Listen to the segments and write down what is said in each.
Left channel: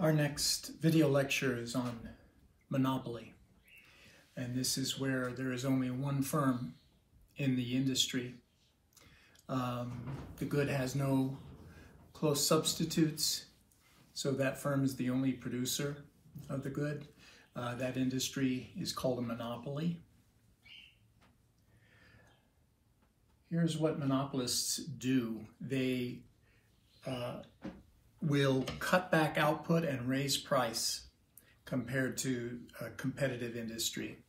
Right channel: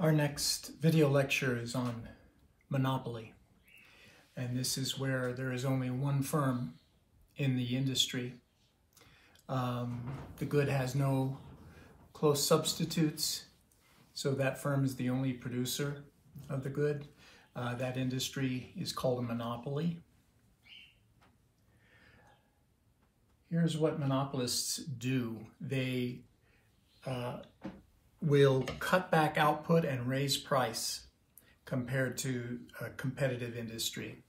Our next video lecture is on monopoly, and this is where there is only one firm in the industry. The good has no close substitutes, so that firm is the only producer of the good. That industry is called a monopoly. Here's what monopolists do. They will cut back output and raise price compared to a competitive industry.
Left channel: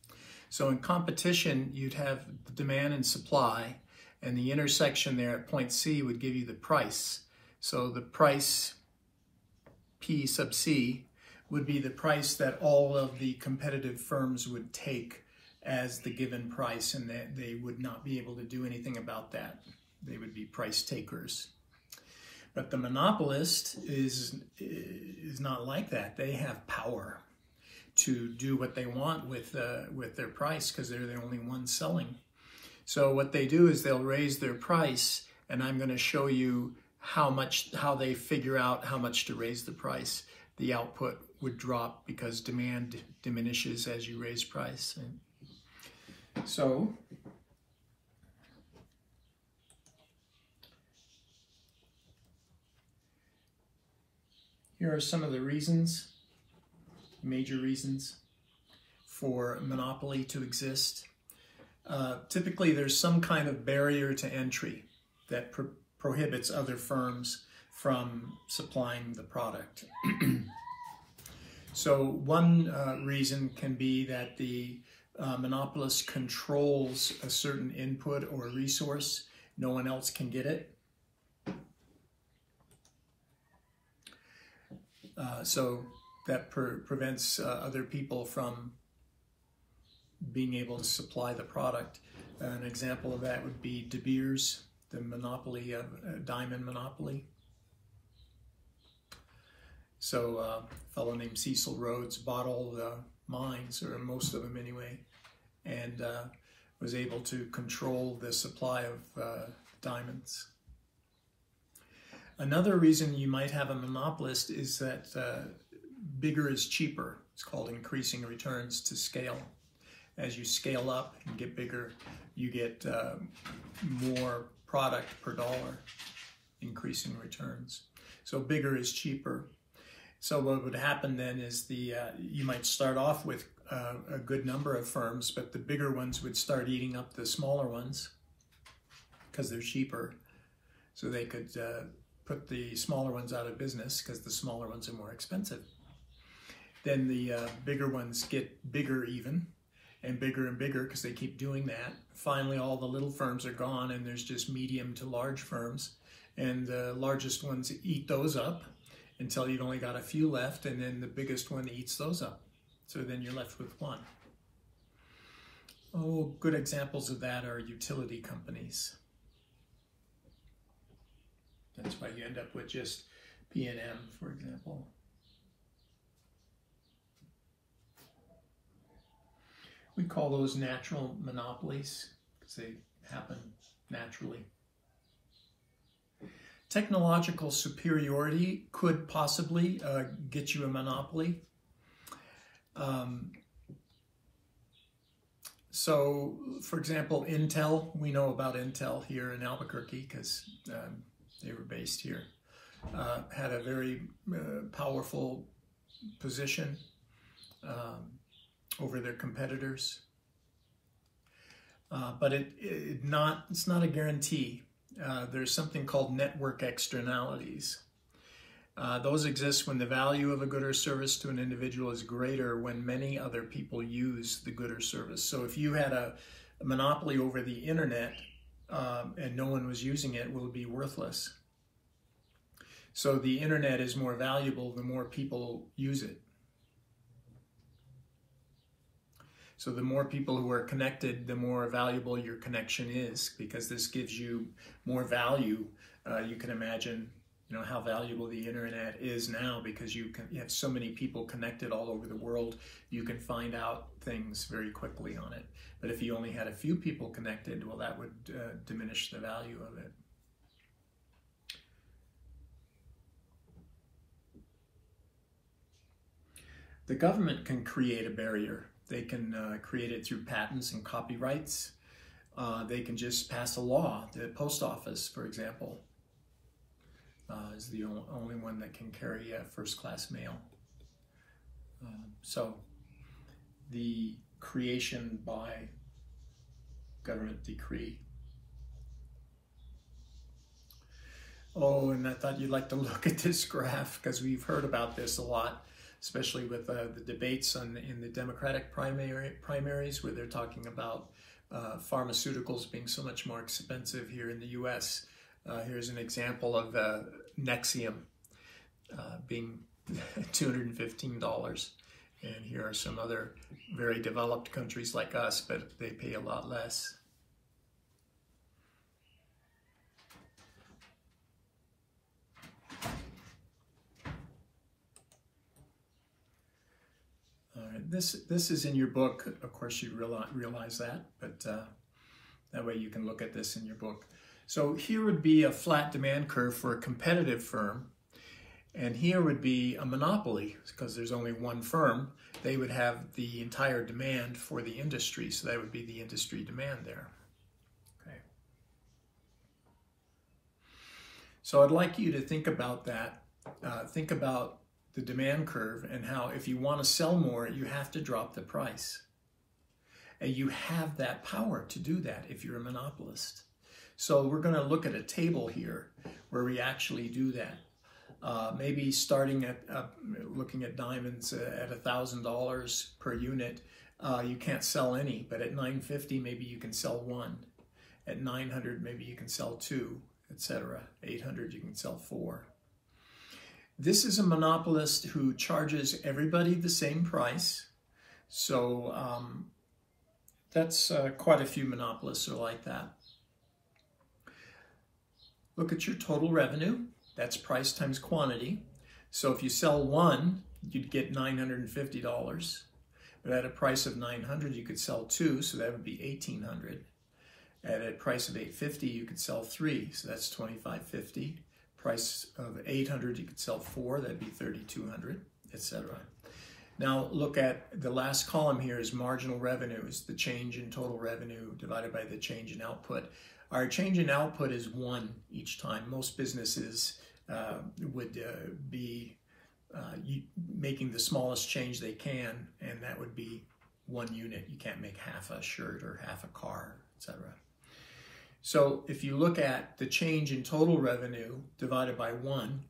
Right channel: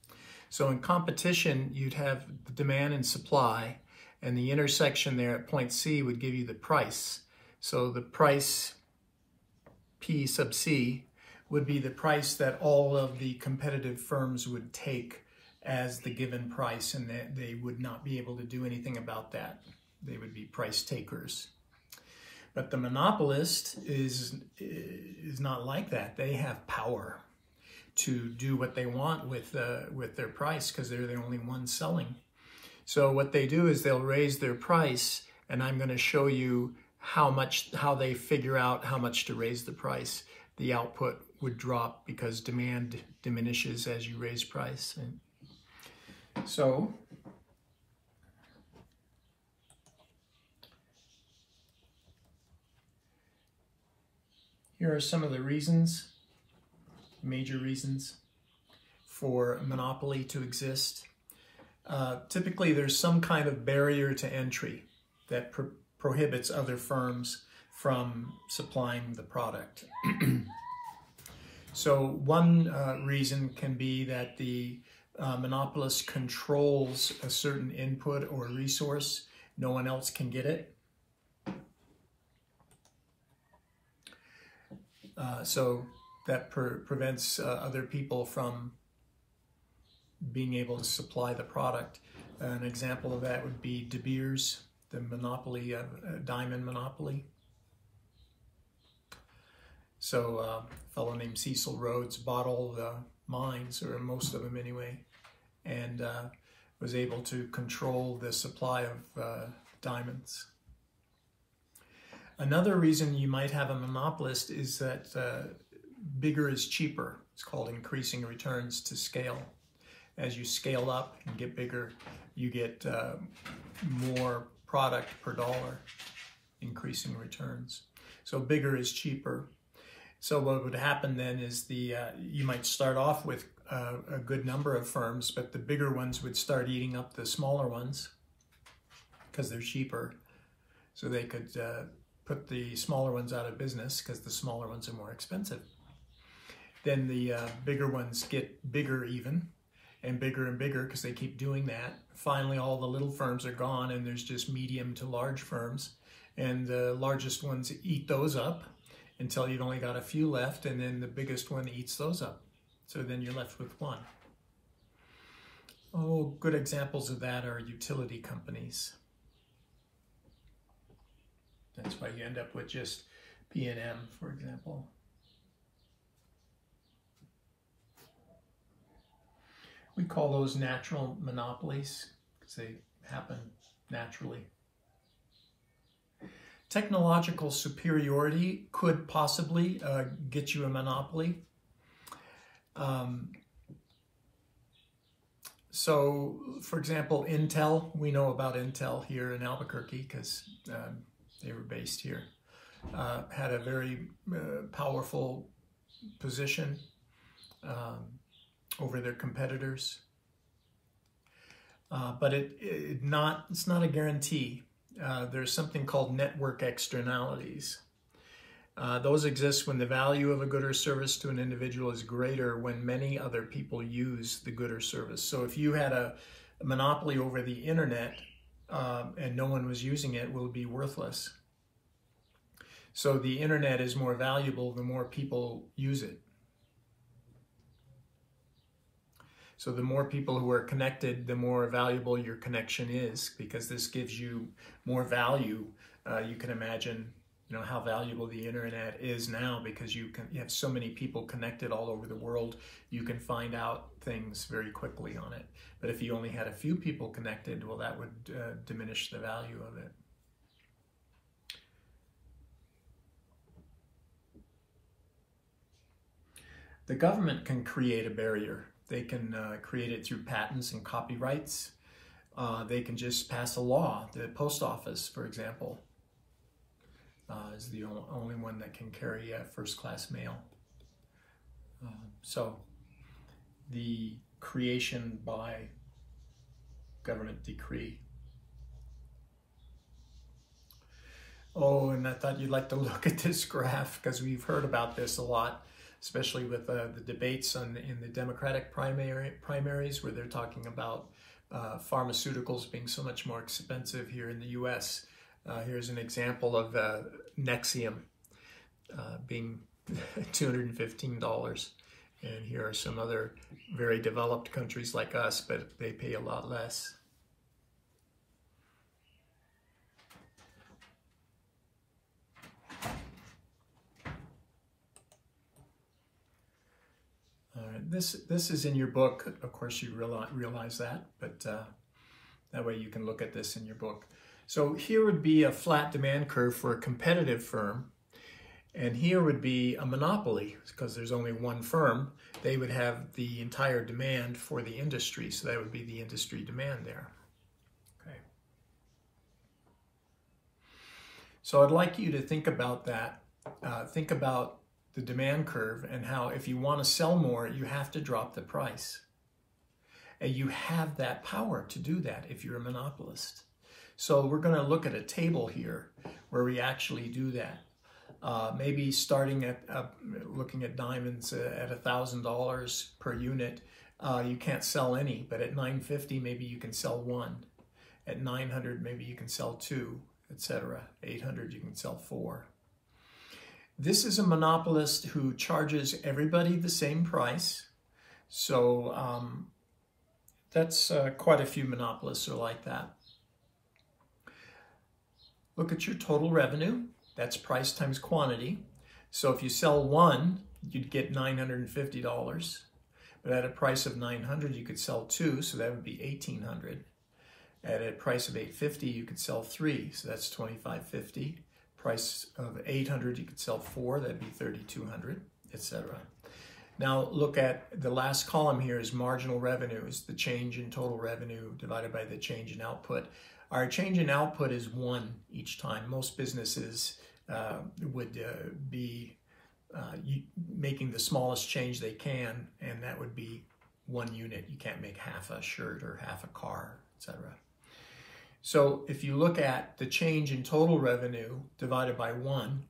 So in competition, you'd have demand and supply, and the intersection there at point C would give you the price. So the price, P sub C, would be the price that all of the competitive firms would take as the given price, and that they would not be able to do anything about that. They would be price takers. But the monopolist is not like that. They have power to do what they want with their price because they're the only ones selling. So what they do is they'll raise their price, and I'm going to show you how they figure out how much to raise the price. The output would drop because demand diminishes as you raise price. And so here are some of the reasons, major reasons, for monopoly to exist. Typically, there's some kind of barrier to entry that prohibits other firms from supplying the product. So one reason can be that the monopolist controls a certain input or resource. No one else can get it. So that prevents other people from being able to supply the product. An example of that would be De Beers, the monopoly, diamond monopoly. So a fellow named Cecil Rhodes bought all the mines, or most of them anyway, and was able to control the supply of diamonds. Another reason you might have a monopolist is that bigger is cheaper. It's called increasing returns to scale. As you scale up and get bigger, you get more product per dollar, increasing returns. So bigger is cheaper. So what would happen then is you might start off with a good number of firms, but the bigger ones would start eating up the smaller ones because they're cheaper. So they could put the smaller ones out of business because the smaller ones are more expensive. Then the bigger ones get bigger even, and bigger because they keep doing that. Finally, all the little firms are gone, and there's just medium to large firms, and the largest ones eat those up until you've only got a few left, and then the biggest one eats those up. So then you're left with one. Oh, good examples of that are utility companies. That's why you end up with just P&M, for example. We call those natural monopolies because they happen naturally. Technological superiority could possibly get you a monopoly. So, for example, Intel, we know about Intel here in Albuquerque because they were based here, had a very powerful position over their competitors. But it's not a guarantee. There's something called network externalities. Those exist when the value of a good or service to an individual is greater when many other people use the good or service. So if you had a monopoly over the internet and no one was using it, it will be worthless. So the internet is more valuable the more people use it. So the more people who are connected, the more valuable your connection is, because this gives you more value. You can imagine, how valuable the internet is now because you have so many people connected all over the world. You can find out things very quickly on it. But if you only had a few people connected, well, that would diminish the value of it. The government can create a barrier. They can create it through patents and copyrights. They can just pass a law. The post office, for example, is the only one that can carry first-class mail. So the creation by government decree. Oh, and I thought you'd like to look at this graph because we've heard about this a lot, especially with the debates in the Democratic primaries where they're talking about pharmaceuticals being so much more expensive here in the U.S. Here's an example of Nexium being $215. And here are some other very developed countries like us, but they pay a lot less. This is in your book. Of course, you realize that, but that way you can look at this in your book. So here would be a flat demand curve for a competitive firm, and here would be a monopoly because there's only one firm. They would have the entire demand for the industry, so that would be the industry demand there. Okay. So I'd like you to think about that. Think about the demand curve and how if you want to sell more, you have to drop the price. And you have that power to do that if you're a monopolist. So we're going to look at a table here where we actually do that. Maybe starting at looking at diamonds at $1,000 per unit, you can't sell any, but at $950 maybe you can sell one. At $900 maybe you can sell two, etc. $800 you can sell four. This is a monopolist who charges everybody the same price. So that's quite a few monopolists are like that. Look at your total revenue. That's price times quantity. So if you sell one, you'd get $950. But at a price of $900, you could sell two, so that would be $1,800. At a price of $850, you could sell three, so that's $2,550. Price of $800, you could sell four, that'd be $3,200, etc. Now look at the last column here is marginal revenue, is the change in total revenue divided by the change in output. Our change in output is 1 each time. Most businesses would be making the smallest change they can, and that would be 1 unit. You can't make half a shirt or half a car, etc. So if you look at the change in total revenue divided by 1,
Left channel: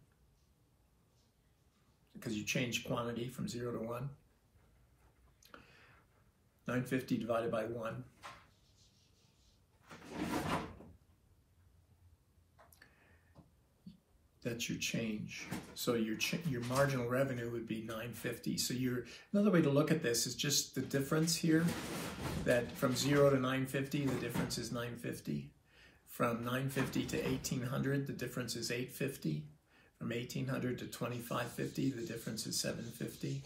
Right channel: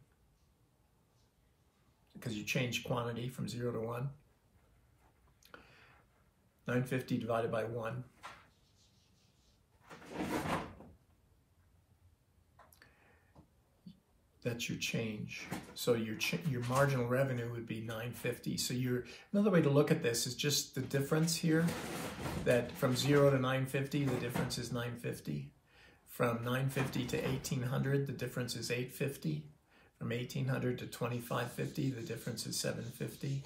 because you change quantity from 0 to 1, 950 divided by 1. That's your change. So your marginal revenue would be 950. So another way to look at this is just the difference here, that from 0 to 950, the difference is 950. From 950 to 1800, the difference is 850. From 1800 to 2550, the difference is 750.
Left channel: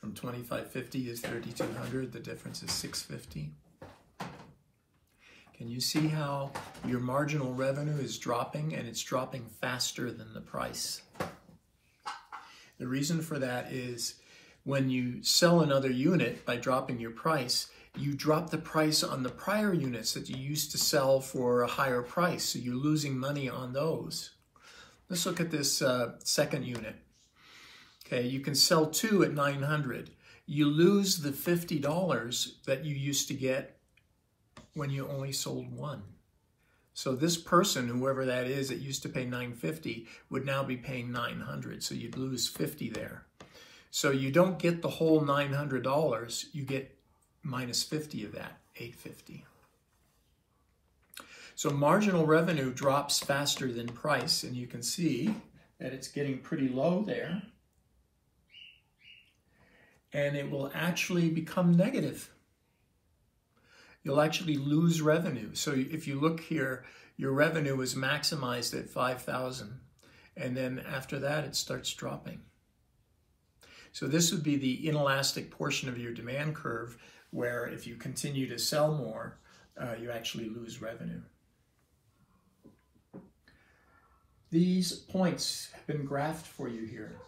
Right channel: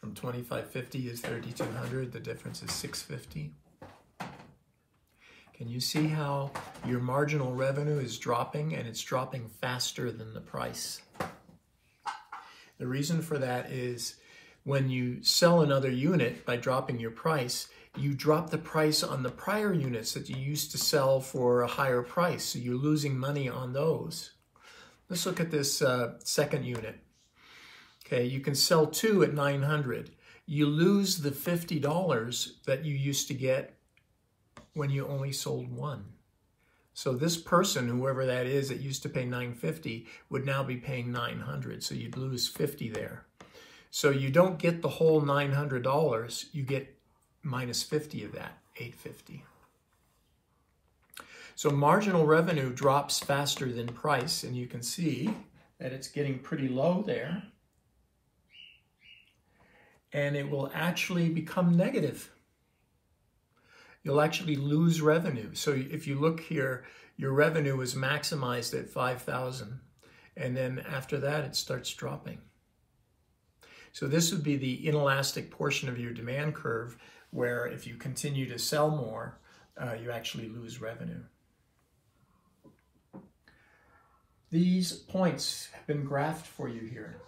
From 2550 is 3200, the difference is 650. Can you see how your marginal revenue is dropping, and it's dropping faster than the price? The reason for that is when you sell another unit by dropping your price, you drop the price on the prior units that you used to sell for a higher price, so you're losing money on those. Let's look at this second unit. Okay, you can sell 2 at 900. You lose the $50 that you used to get when you only sold 1. So this person, whoever that is that used to pay $950, would now be paying $900. So you'd lose $50 there. So you don't get the whole $900. You get minus 50 of that, $850. So marginal revenue drops faster than price, and you can see that it's getting pretty low there. And it will actually become negative. You'll actually lose revenue. So if you look here, your revenue is maximized at 5,000, and then after that it starts dropping. So this would be the inelastic portion of your demand curve, where if you continue to sell more, you actually lose revenue. These points have been graphed for you here.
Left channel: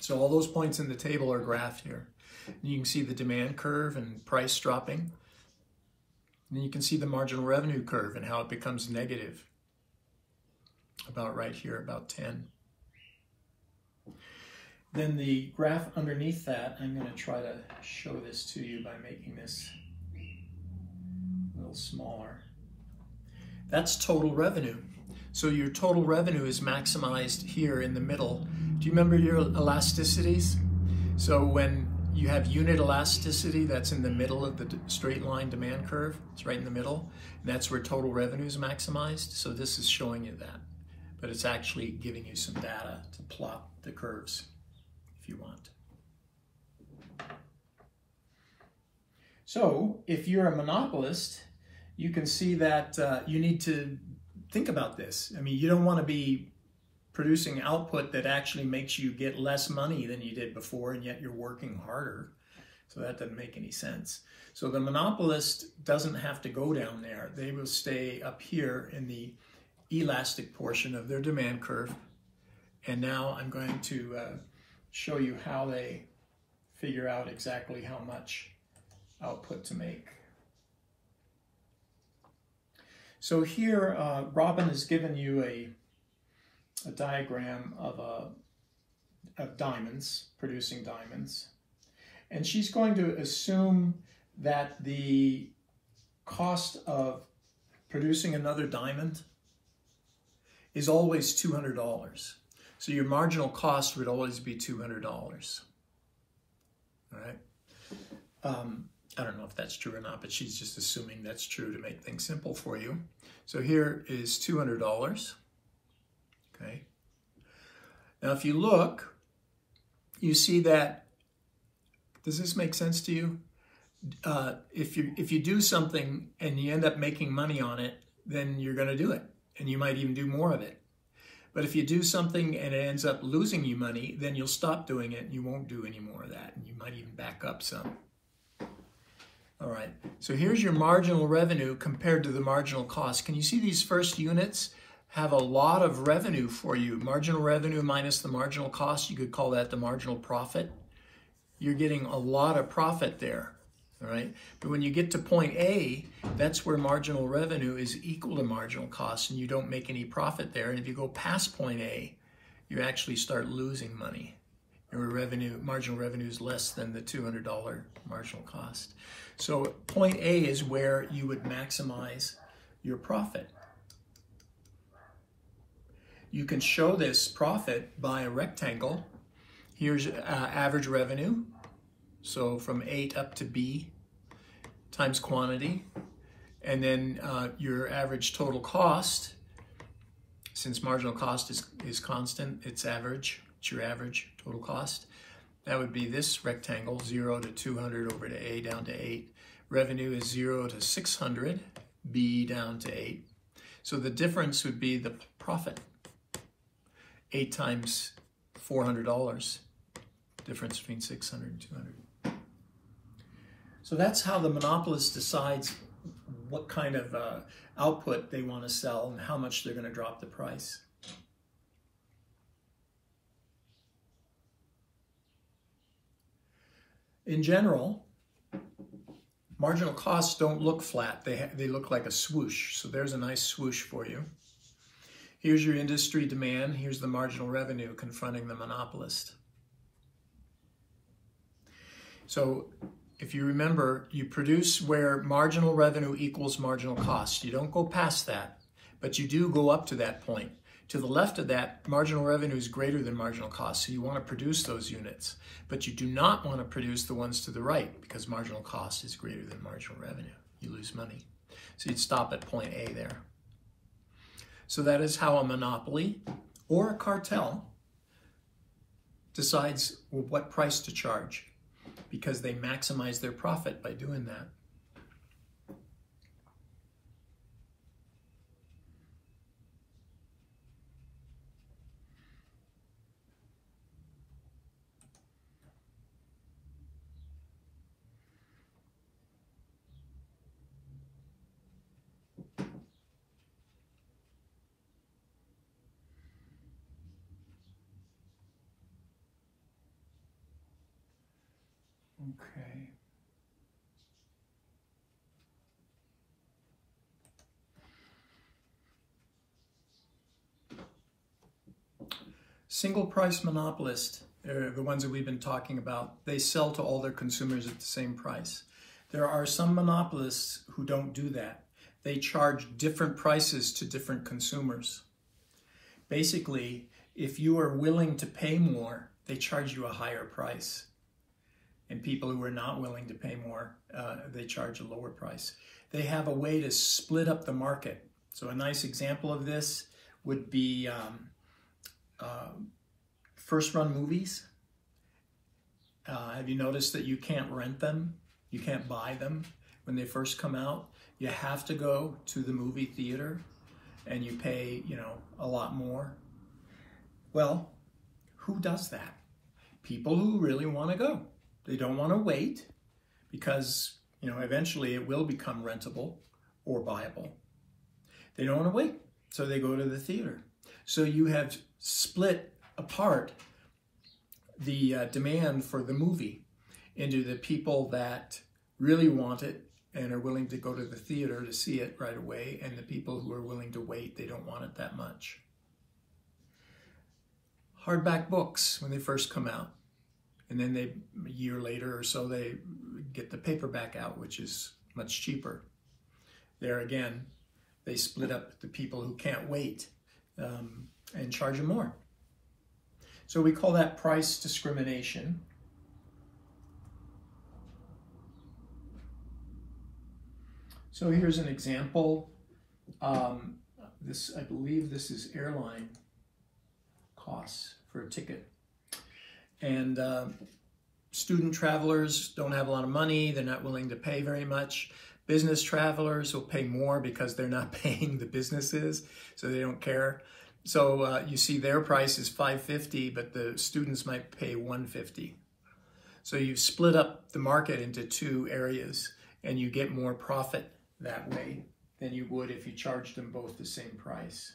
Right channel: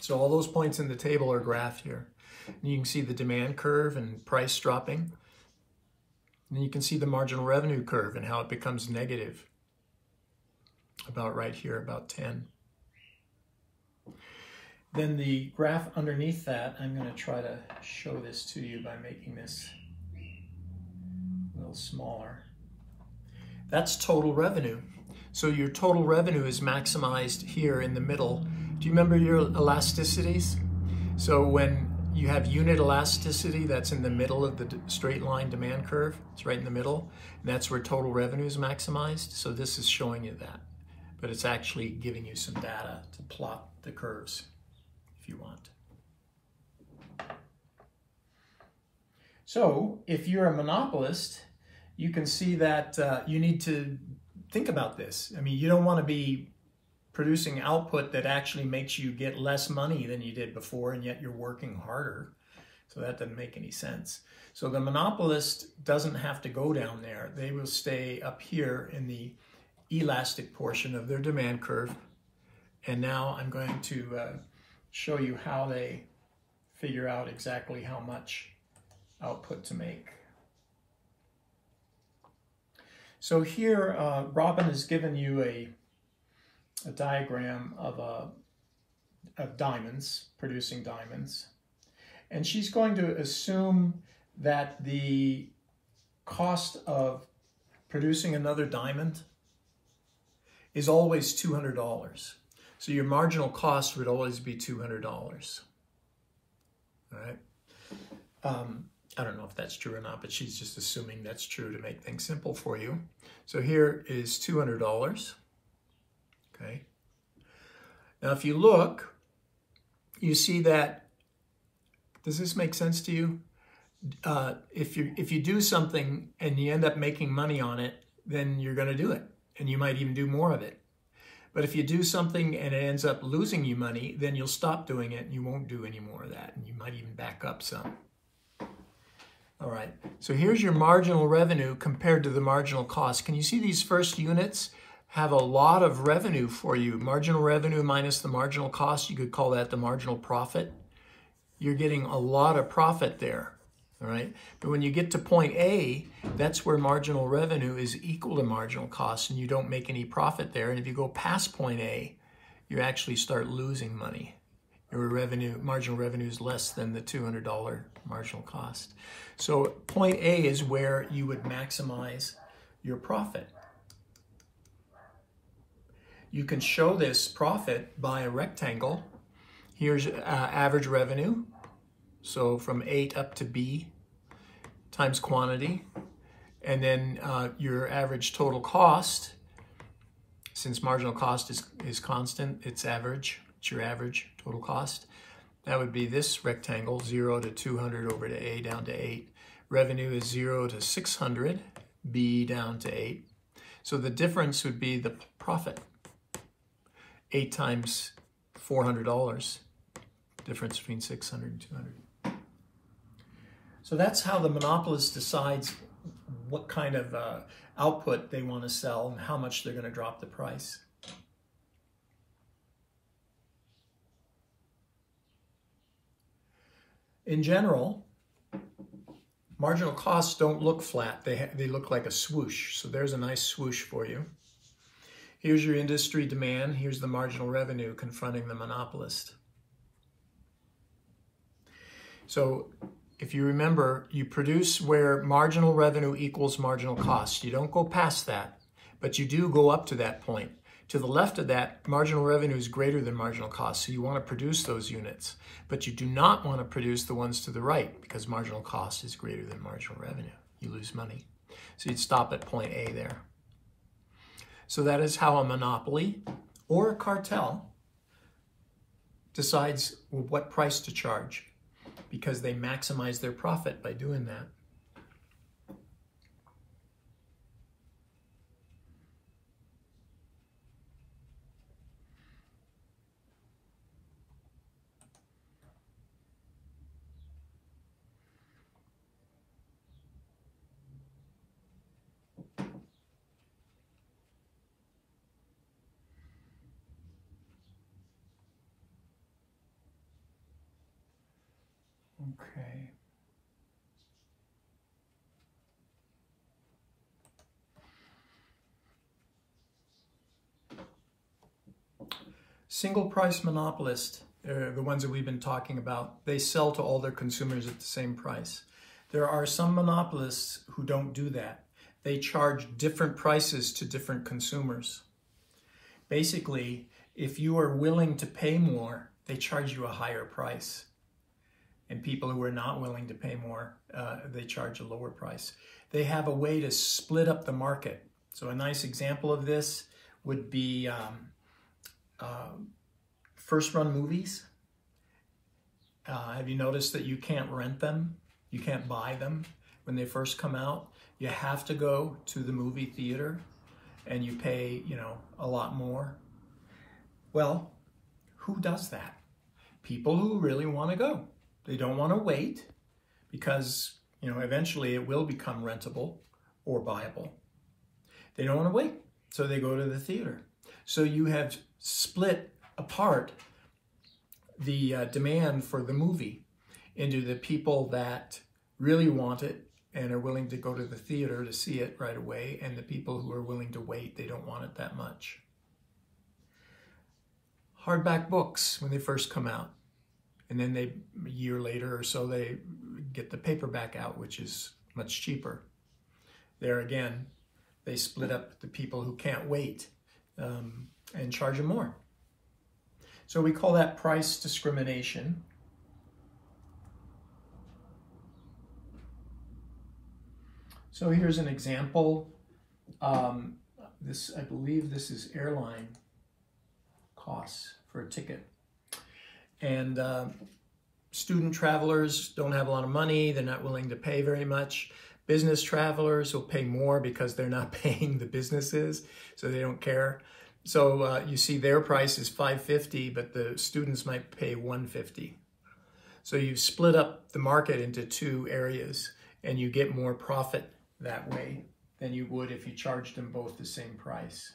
So all those points in the table are graphed here. You can see the demand curve and price dropping. And you can see the marginal revenue curve and how it becomes negative. About right here, about 10. Then the graph underneath that, I'm going to try to show this to you by making this a little smaller. That's total revenue. So your total revenue is maximized here in the middle. Do you remember your elasticities? So when you have unit elasticity, that's in the middle of the straight line demand curve. It's right in the middle. And that's where total revenue is maximized. So this is showing you that. But it's actually giving you some data to plot the curves if you want. So if you're a monopolist, you can see that you need to think about this. I mean, you don't want to be producing output that actually makes you get less money than you did before, and yet you're working harder. So that doesn't make any sense. So the monopolist doesn't have to go down there. They will stay up here in the elastic portion of their demand curve. And now I'm going to show you how they figure out exactly how much output to make. So here, Robin has given you a diagram of diamonds, producing diamonds. And she's going to assume that the cost of producing another diamond is always $200. So your marginal cost would always be $200. All right. I don't know if that's true or not, but she's just assuming that's true to make things simple for you. So here is $200. Okay. Now, if you look, you see that. Does this make sense to you? If you do something and you end up making money on it, then you're going to do it, and you might even do more of it. But if you do something and it ends up losing you money, then you'll stop doing it and you won't do any more of that, and you might even back up some. All right, so here's your marginal revenue compared to the marginal cost. Can you see these first units have a lot of revenue for you? Marginal revenue minus the marginal cost, you could call that the marginal profit. You're getting a lot of profit there, all right? But when you get to point A, that's where marginal revenue is equal to marginal cost, and you don't make any profit there. And if you go past point A, you actually start losing money. Your marginal revenue is less than the $200 marginal cost. So point A is where you would maximize your profit. You can show this profit by a rectangle. Here's average revenue. So from 8 up to B times quantity. And then your average total cost, since marginal cost is constant, it's average. It's your average total cost. That would be this rectangle, 0 to 200 over to A down to 8. Revenue is 0 to 600, B down to 8. So the difference would be the profit. 8 times $400, difference between 600 and 200. So that's how the monopolist decides what kind of output they want to sell and how much they're going to drop the price. In general, marginal costs don't look flat. They look like a swoosh. So there's a nice swoosh for you. Here's your industry demand. Here's the marginal revenue confronting the monopolist. So if you remember, you produce where marginal revenue equals marginal cost. You don't go past that, but you do go up to that point. To the left of that, marginal revenue is greater than marginal cost, so you want to produce those units. But you do not want to produce the ones to the right because marginal cost is greater than marginal revenue. You lose money. So you'd stop at point A there. So that is how a monopoly or a cartel decides what price to charge, because they maximize their profit by doing that. Okay. Single price monopolists, the ones that we've been talking about, they sell to all their consumers at the same price. There are some monopolists who don't do that. They charge different prices to different consumers. Basically, if you are willing to pay more, they charge you a higher price. And people who are not willing to pay more, they charge a lower price. They have a way to split up the market. So a nice example of this would be first-run movies. Have you noticed that you can't rent them? You can't buy them when they first come out. You have to go to the movie theater and you pay, a lot more. Well, who does that? People who really want to go. They don't want to wait because, eventually it will become rentable or buyable. They don't want to wait, so they go to the theater. So you have split apart the demand for the movie into the people that really want it and are willing to go to the theater to see it right away, and the people who are willing to wait, they don't want it that much. Hardback books, when they first come out, and then a year later or so, they get the paperback out, which is much cheaper. There again, they split up the people who can't wait and charge them more. So we call that price discrimination. So here's an example. I believe this is airline costs for a ticket. And student travelers don't have a lot of money. They're not willing to pay very much. Business travelers will pay more because they're not paying the businesses, so they don't care. So you see their price is $5.50, but the students might pay $1.50. So you split up the market into two areas, and you get more profit that way than you would if you charged them both the same price.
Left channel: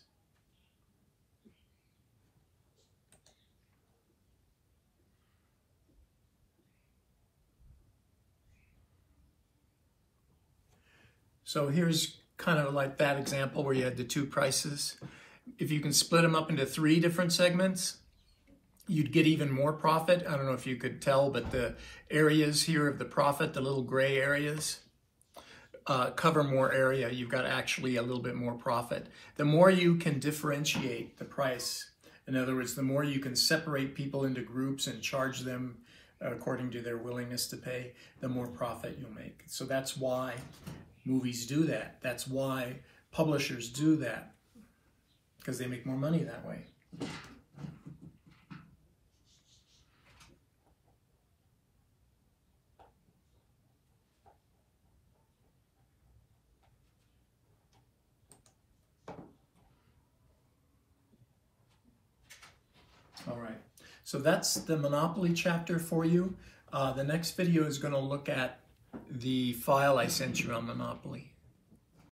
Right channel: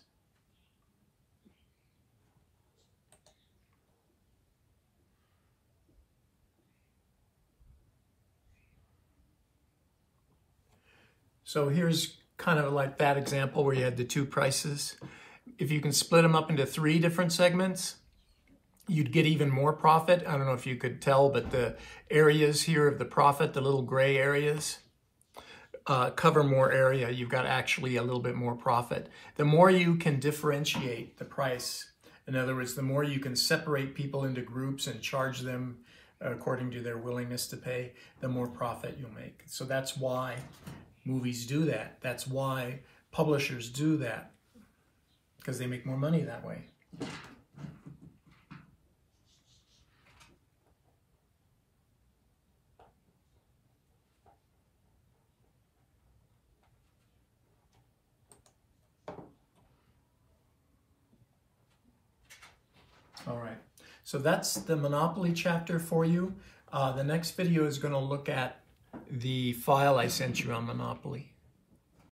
So here's kind of like that example where you had the two prices. If you can split them up into 3 different segments, you'd get even more profit. I don't know if you could tell, but the areas here of the profit, the little gray areas, cover more area. You've got actually a little bit more profit. The more you can differentiate the price, in other words, the more you can separate people into groups and charge them according to their willingness to pay, the more profit you'll make. So that's why movies do that. That's why publishers do that, because they make more money that way. All right, so that's the Monopoly chapter for you. The next video is going to look at the file I sent you on Monopoly.